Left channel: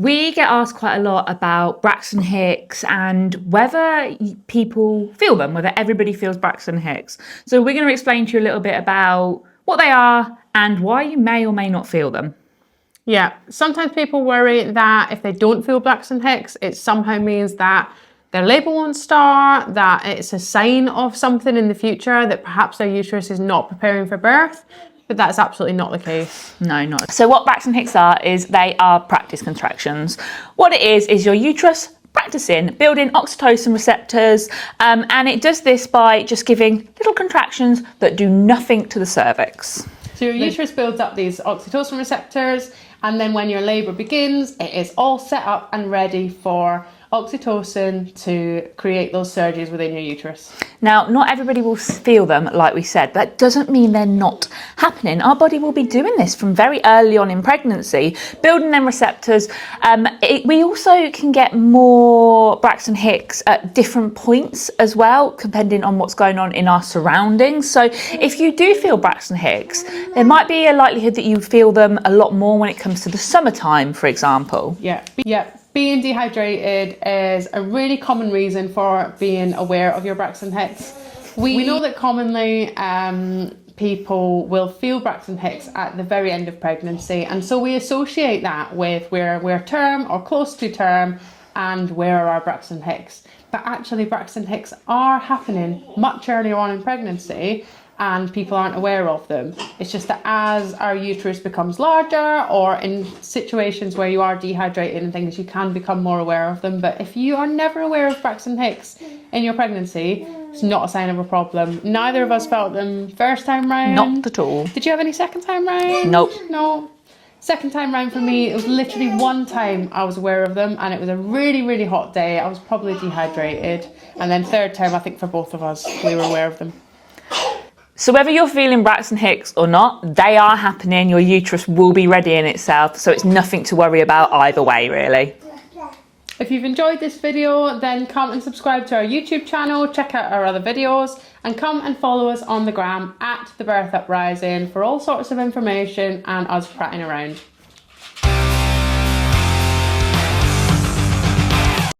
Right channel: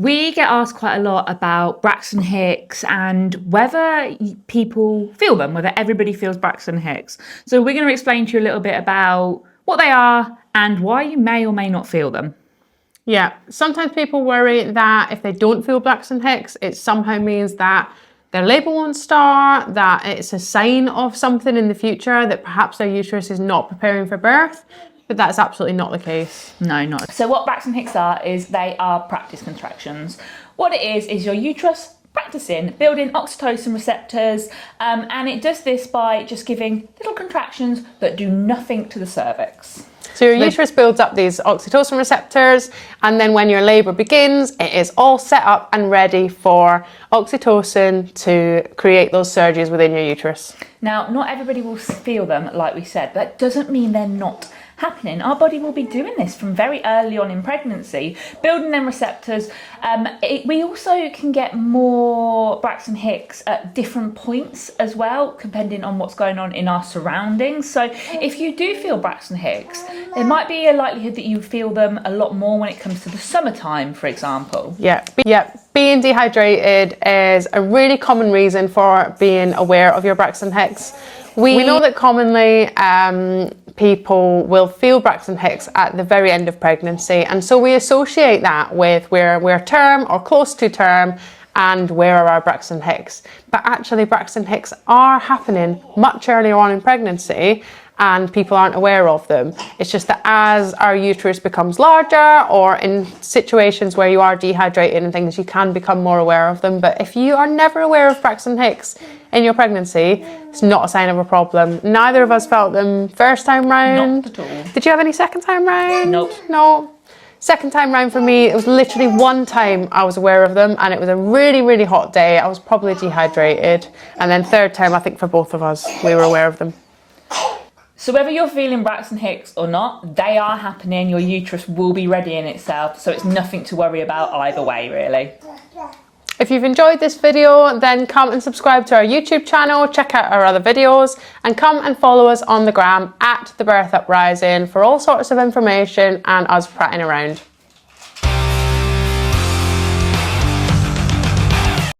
We get asked quite a lot about Braxton Hicks and whether people feel them, whether everybody feels Braxton Hicks. So we're going to explain to you a little bit about what they are and why you may or may not feel them. Yeah, sometimes people worry that if they don't feel Braxton Hicks, it somehow means that their labour won't start, that it's a sign of something in the future, that perhaps their uterus is not preparing for birth. But that's absolutely not the case. No, not. So what Braxton Hicks are is they are practice contractions. What it is your uterus practicing building oxytocin receptors, and it does this by just giving little contractions that do nothing to the cervix. So your uterus builds up these oxytocin receptors, and then when your labour begins, it is all set up and ready for oxytocin to create those surges within your uterus. Now, not everybody will feel them, like we said. That doesn't mean they're not happening. Our body will be doing this from very early on in pregnancy, building them receptors. We also can get more Braxton Hicks at different points as well, depending on what's going on in our surroundings. So if you do feel Braxton Hicks, there might be a likelihood that you feel them a lot more when it comes to the summertime, for example. Yeah. Being dehydrated is a really common reason for being aware of your Braxton Hicks. We know that commonly people will feel Braxton Hicks at the very end of pregnancy, and so we associate that with we're term or close to term and where are our Braxton Hicks. But actually Braxton Hicks are happening much earlier on in pregnancy, and people aren't aware of them. It's just that as our uterus becomes larger, or in situations where you are dehydrated and things, you can become more aware of them. But if you are never aware of Braxton Hicks in your pregnancy, it's not a sign of a problem. Neither of us felt them first time round. Not at all. Did you have any second time round? Nope. No. Second time round for me, it was literally one time I was aware of them, and it was a really, really hot day. I was probably dehydrated. And then third time, I think for both of us, we were aware of them. So whether you're feeling Braxton Hicks or not, they are happening. Your uterus will be readying itself, so it's nothing to worry about either way, really. If you've enjoyed this video, then come and subscribe to our YouTube channel, check out our other videos, and come and follow us on the gram @The Birth Uprising for all sorts of information and us prattling around.